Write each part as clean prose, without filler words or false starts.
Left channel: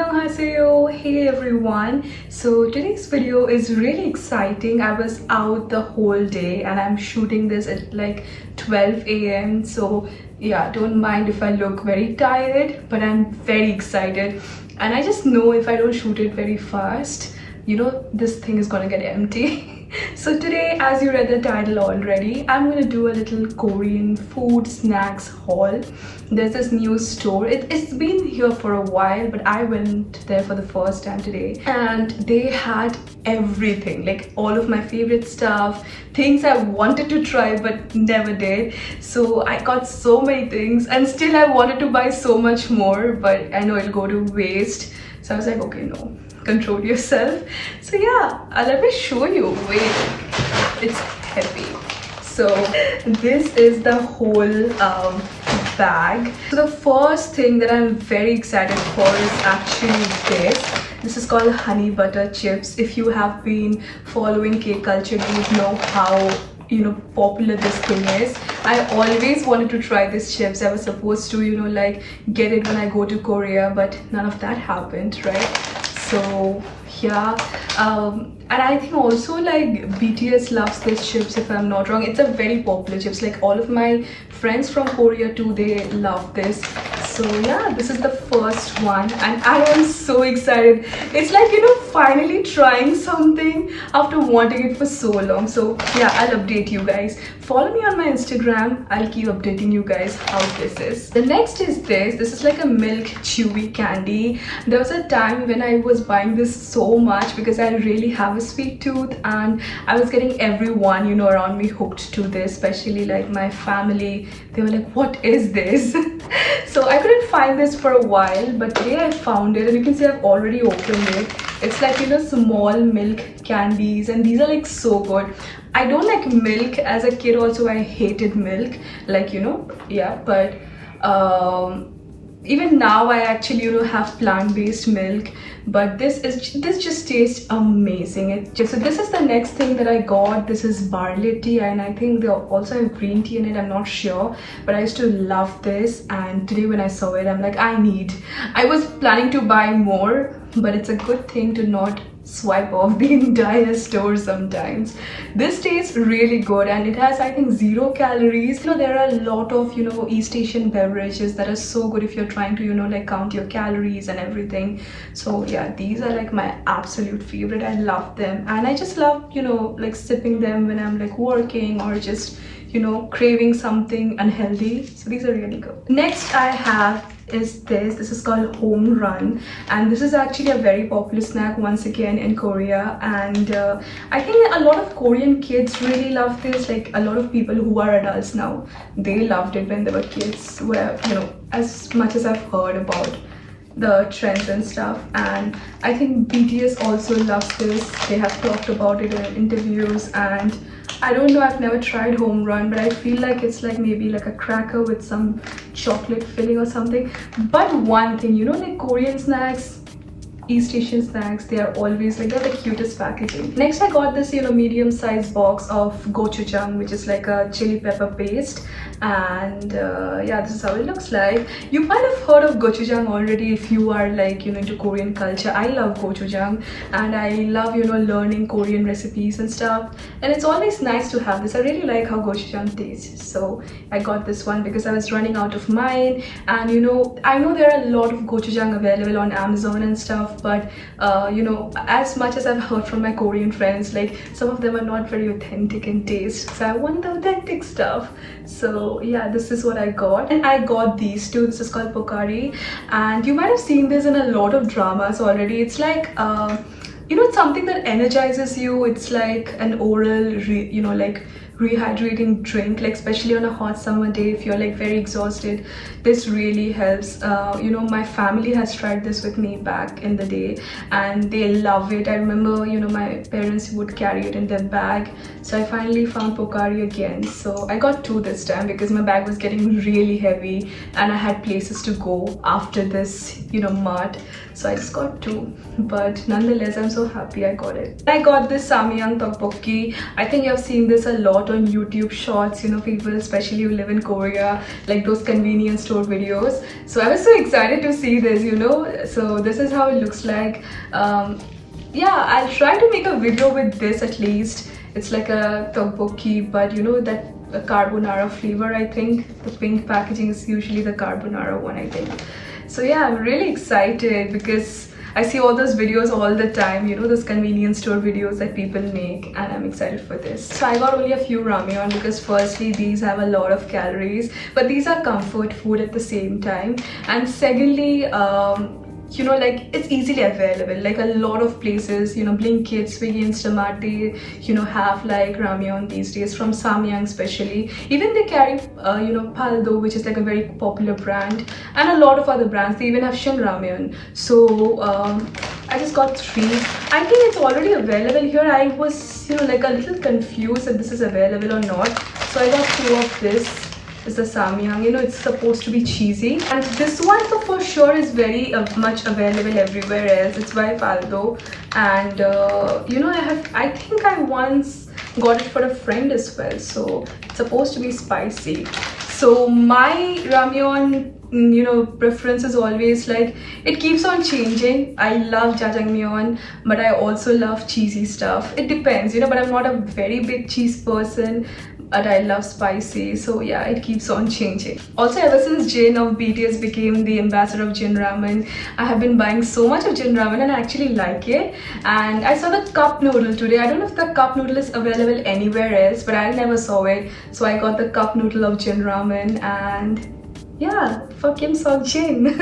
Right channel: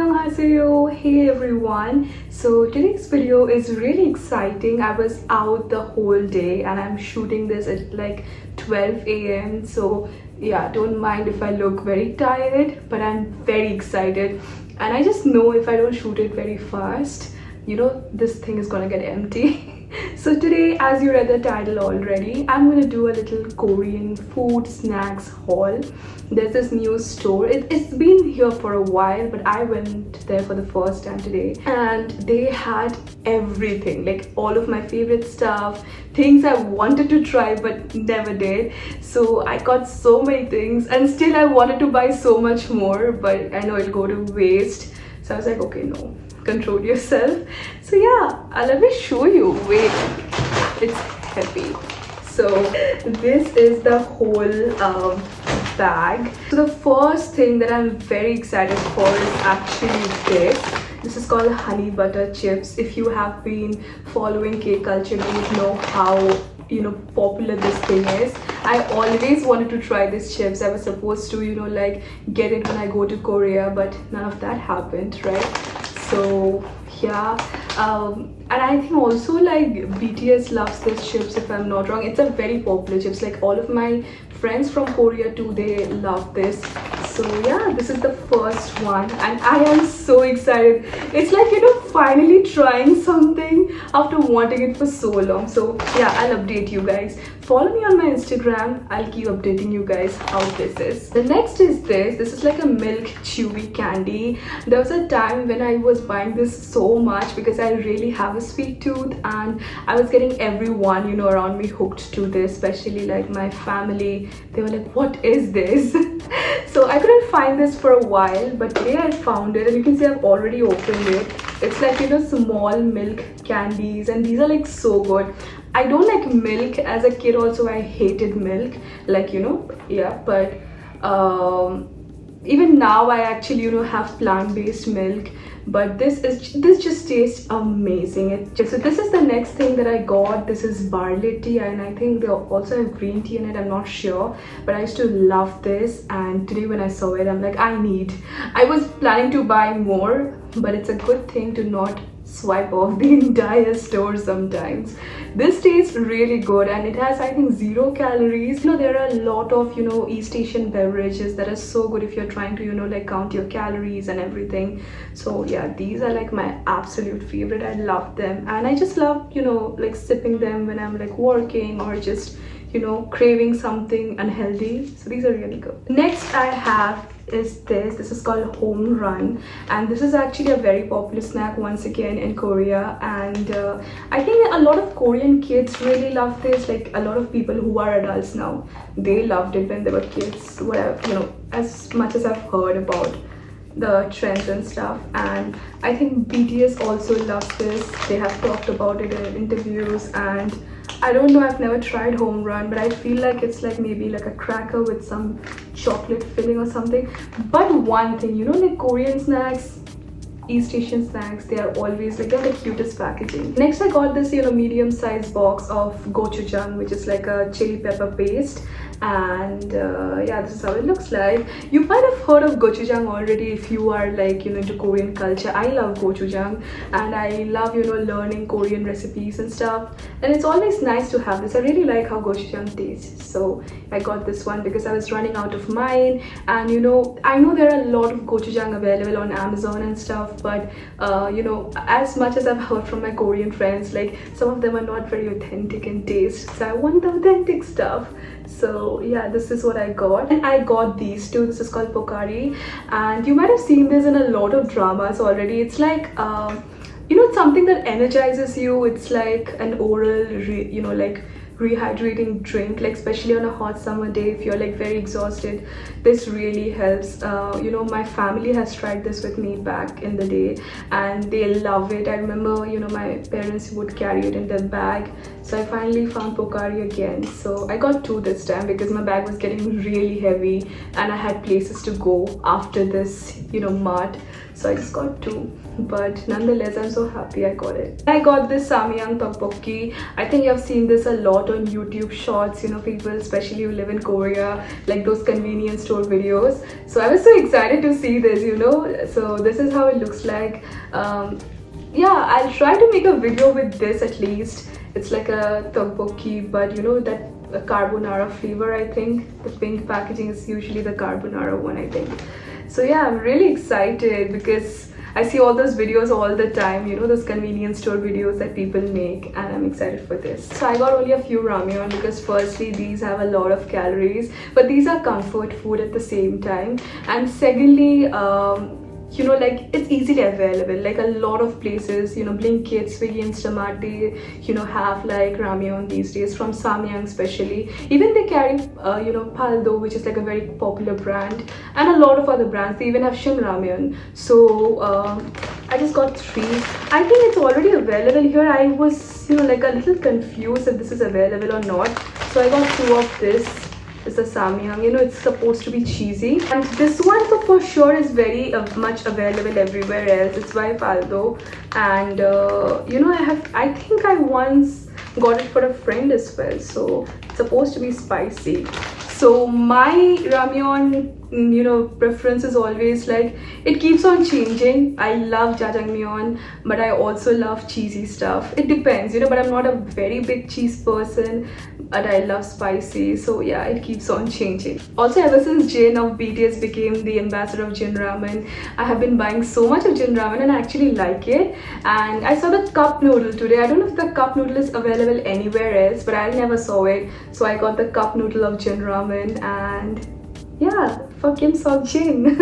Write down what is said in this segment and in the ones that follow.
Annyeonghaseyo. Hey everyone. So today's video is really exciting. I was out the whole day and I'm shooting this at like 12 a.m. So yeah, don't mind if I look very tired, but I'm very excited. And I just know if I don't shoot it very fast, you know, this thing is gonna get empty. So today, as you read the title already, I'm gonna do a little Korean food snacks haul. There's this new store. It's been here for a while, but I went there for the first time today and they had everything, like all of my favorite stuff, things I wanted to try but never did. So I got so many things and still I wanted to buy so much more, but I know it'll go to waste. So I was like, okay, no, control yourself. So yeah, let me show you. Wait, it's heavy. So this is the whole bag. So the first thing that I'm very excited for is actually this is called honey butter chips. If you have been following K culture, you would know how popular this thing is. I always wanted to try these chips. I was supposed to like get it when I go to Korea, but none of that happened, right? So yeah, and I think also like BTS loves this chips, if I'm not wrong. It's a very popular chips. Like all of my friends from Korea too, they love this. So yeah, this is the first one and I am so excited. It's like finally trying something after wanting it for so long. So yeah, I'll update you guys. Follow me on my Instagram. I'll keep updating you guys how this is. The next is this is like a milk chewy candy. There was a time when I was buying this so much because I really have a sweet tooth and I was getting everyone around me hooked to this, especially like my family. They were like, what is this? So I couldn't find this for a while, but today I found it and you can see I've already opened it. It's like small milk candies and these are like so good. I don't like milk. As a kid also I hated milk, like yeah, but even now I actually have plant-based milk, but this just tastes amazing. So this is the next thing that I got. This is barley tea and I think they also have green tea in it. I'm not sure, but I used to love this and today when I saw it I'm like, I was planning to buy more, but it's a good thing to not swipe off the entire store sometimes. This tastes really good and it has, I think, 0 calories. There are a lot of East Asian beverages that are so good if you're trying to like count your calories and everything. So yeah, these are like my absolute favorite. I love them and I just love like sipping them when I'm like working or just craving something unhealthy. So these are really good. Next I have is this is called home run and this is actually a very popular snack once again in Korea, and I think a lot of Korean kids really love this. Like a lot of people who are adults now, they loved it when they were kids. As much as I've heard about the trends and stuff, and I think BTS also loves this. They have talked about it in interviews, and I don't know, I've never tried home run, but I feel like it's like maybe like a cracker with some chocolate filling or something. But one thing, like Korean snacks, East Asian snacks, they are always like, they're the cutest packaging. Next I got this medium-sized box of gochujang, which is like a chili pepper paste, and yeah, this is how it looks like. You might have heard of gochujang already if you are like into Korean culture. I love gochujang and I love learning Korean recipes and stuff, and it's always nice to have this. I really like how gochujang tastes, so I got this one because I was running out of mine. And I know there are a lot of gochujang available on Amazon and stuff, but as much as I've heard from my Korean friends, like some of them are not very authentic in taste, so I want the authentic stuff. So yeah, this is what I got, and I got these two. This is called pokari and you might have seen this in a lot of dramas already. It's like it's something that energizes you. It's like an oral like rehydrating drink, like especially on a hot summer day if you're like very exhausted. This really helps. My family has tried this with me back in the day and they love it. I remember my parents would carry it in their bag, so I finally found pokari again. So I got 2 this time because my bag was getting really heavy and I had places to go after this mart, so I just got 2, but nonetheless I'm so happy I got it. I got this samyang tteokbokki. I think I've seen this a lot lot on YouTube shorts, you know, people especially who live in Korea, like those convenience store videos. So I was so excited to see this, you know. So this is how it looks like. Yeah, I'll try to make a video with this at least. It's like a tteokbokki, but you know that carbonara flavor. I think the pink packaging is usually the carbonara one, I think. So yeah, I'm really excited because I see all those videos all the time, you know, those convenience store videos that people make, and I'm excited for this. So I got only a few ramyeon because firstly, these have a lot of calories, but these are comfort food at the same time. And secondly, you know, like it's easily available. Like a lot of places, you know, Blinkit, Swiggy, Instamart, they, you know, have like ramyeon these days, from Samyang especially. Even they carry, you know, Paldo, which is like a very popular brand, and a lot of other brands. They even have Shin Ramyeon. So I just got 3. I think it's already available here. I was, you know, like a little confused if this is available or not. So I got 2 of this. Is the Samyang, you know, it's supposed to be cheesy, and this one for sure is very much available everywhere else. It's by Paldo, and you know, I think I once got it for a friend as well, so it's supposed to be spicy. So my ramyeon, you know, preference is always like, it keeps on changing. I love jjajangmyeon, but I also love cheesy stuff. It depends, you know, but I'm not a very big cheese person, but I love spicy. So yeah, it keeps on changing. Also, ever since Jin of BTS became the ambassador of Jin Ramen, I have been buying so much of Jin Ramen, and I actually like it. And I saw the cup noodle today. I don't know if the cup noodle is available anywhere else, but I never saw it. So I got the cup noodle of Jin Ramen, and yeah, for Kim Sok Jin.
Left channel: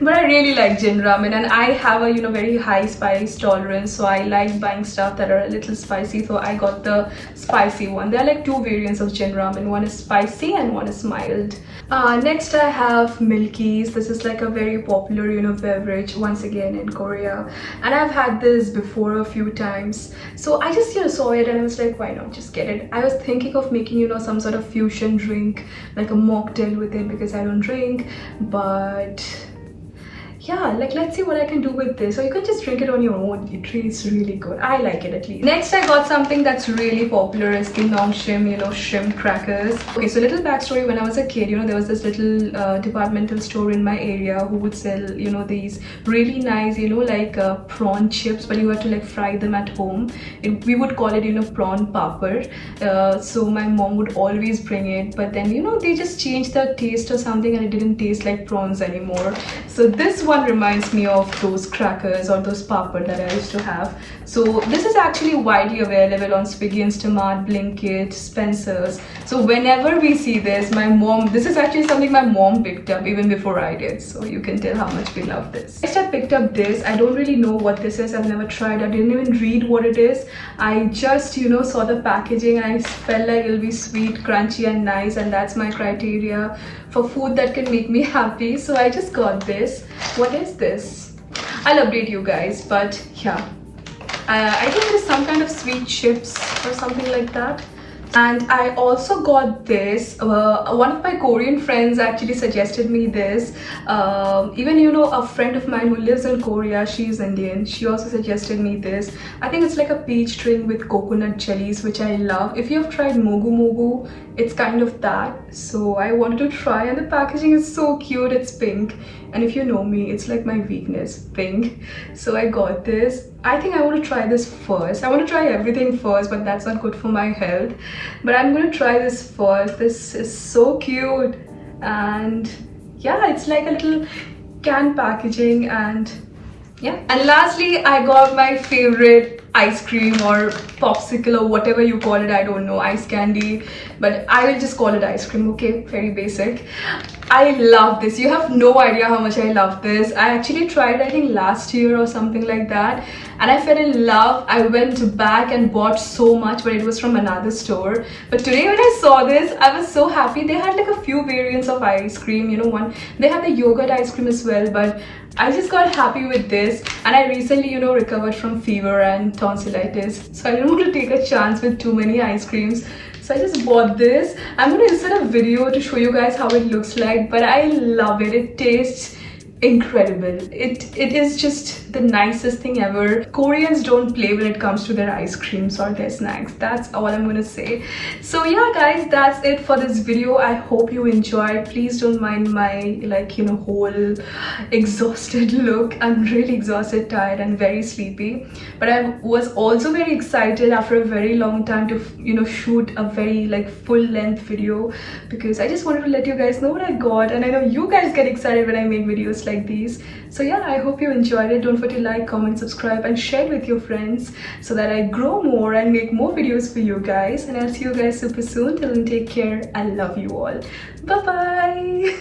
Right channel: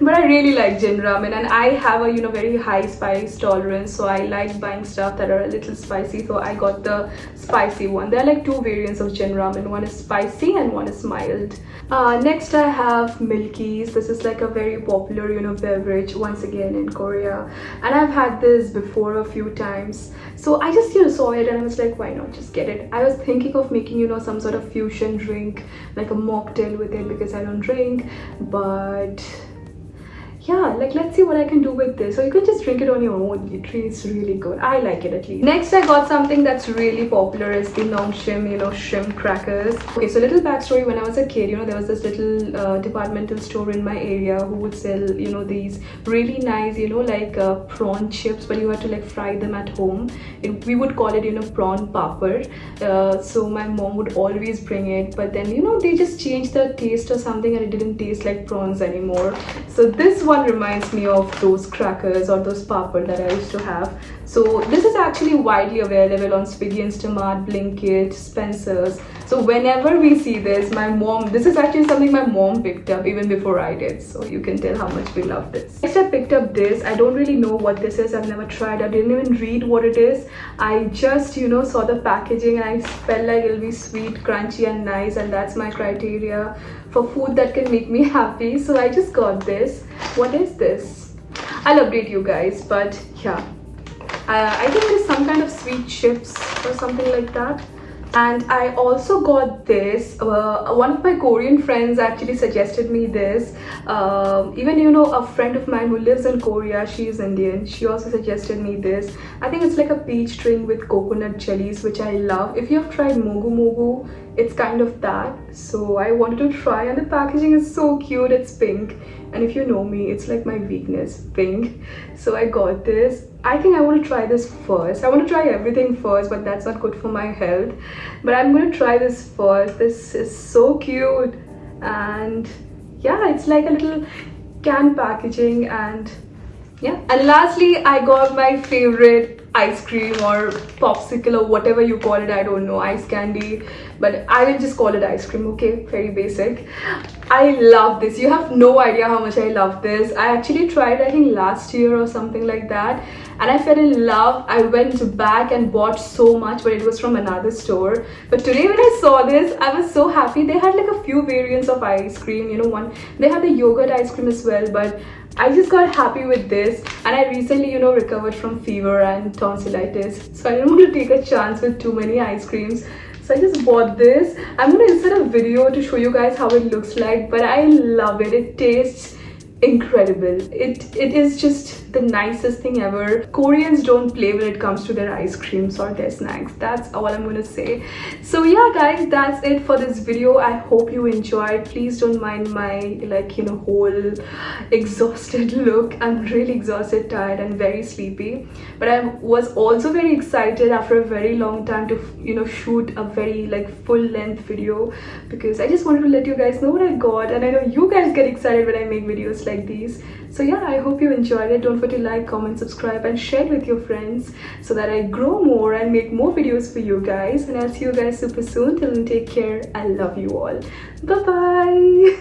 But I really like Jin Ramen, and I have a, you know, very high spice tolerance, so I like buying stuff that are a little spicy. So I got the spicy one. There are like 2 variants of Jin Ramen. One is spicy and one is mild. Next I have Milkies. This is like a very popular, you know, beverage once again in Korea, and I've had this before a few times. So I just, you know, saw it and I was like, why not just get it? I was thinking of making, you know, some sort of fusion drink, like a mocktail with it, because I don't drink. But yeah, like let's see what I can do with this. So you can just drink it on your own. It tastes really good. I like it at least. Next I got something that's really popular, is the Nongshim, you know, shrimp crackers. Okay, so little backstory. When I was a kid, you know, there was this little departmental store in my area who would sell, you know, these really nice, you know, like prawn chips, but you had to like fry them at home. We would call it, you know, prawn papad. So my mom would always bring it, but then, you know, they just changed the taste or something, and it didn't taste like prawns anymore. So this one reminds me of those crackers or those papad that I used to have. So this is actually widely available on Swiggy, Instamart, Blinkit, Spencer's. So whenever we see this, my mom, this is actually something my mom picked up even before I did. So you can tell how much we love this. Next I picked up this. I don't really know what this is. I've never tried. I didn't even read what it is. I just, you know, saw the packaging and I felt like it'll be sweet, crunchy and nice, and that's my criteria for food that can make me happy. So I just got this. What is this? I'll update you guys, but yeah, I think there's some kind of sweet chips or something like that. And I also got this. One of my Korean friends actually suggested me this. Even, you know, a friend of mine who lives in Korea, she is Indian, she also suggested me this. I think it's like a peach drink with coconut jellies, which I love. If you have tried mogu mogu, it's kind of that. So I wanted to try, and the packaging is so cute. It's pink, and if you know me, it's like my weakness, pink. So I got this. I think I want to try this first. I want to try everything first, but that's not good for my health. But I'm going to try this first. This is so cute, and yeah, it's like a little can packaging, and yeah. And lastly, I got my favorite ice cream or popsicle or whatever you call it. I don't know, ice candy, but I will just call it ice cream, okay? Very basic. I love this. You have no idea how much I love this. I actually tried, I think last year or something like that, and I fell in love. I went back and bought so much, but it was from another store. But today when I saw this, I was so happy. They had like a few variants of ice cream, you know, one, they had the yogurt ice cream as well, but I just got happy with this. And I recently, you know, recovered from fever and tonsillitis, so I didn't want to take a chance with too many ice creams. So I just bought this. I'm going to insert a video to show you guys how it looks like, but I love it. It tastes incredible. It is just the nicest thing ever. Koreans don't play when it comes to their ice creams or their snacks. That's all I'm gonna say. So yeah guys, that's it for this video. I hope you enjoyed. Please don't mind my, like, you know, whole exhausted look. I'm really exhausted, tired and very sleepy, but I was also very excited after a very long time to, you know, shoot a very like full length video, because I just wanted to let you guys know what I got, and I know you guys get excited when I make videos like these. So yeah, I hope you enjoyed it. Don't forget to like, comment, subscribe and share it with your friends so that I grow more and make more videos for you guys. And I'll see you guys super soon. Till then, take care. I love you all. Bye bye.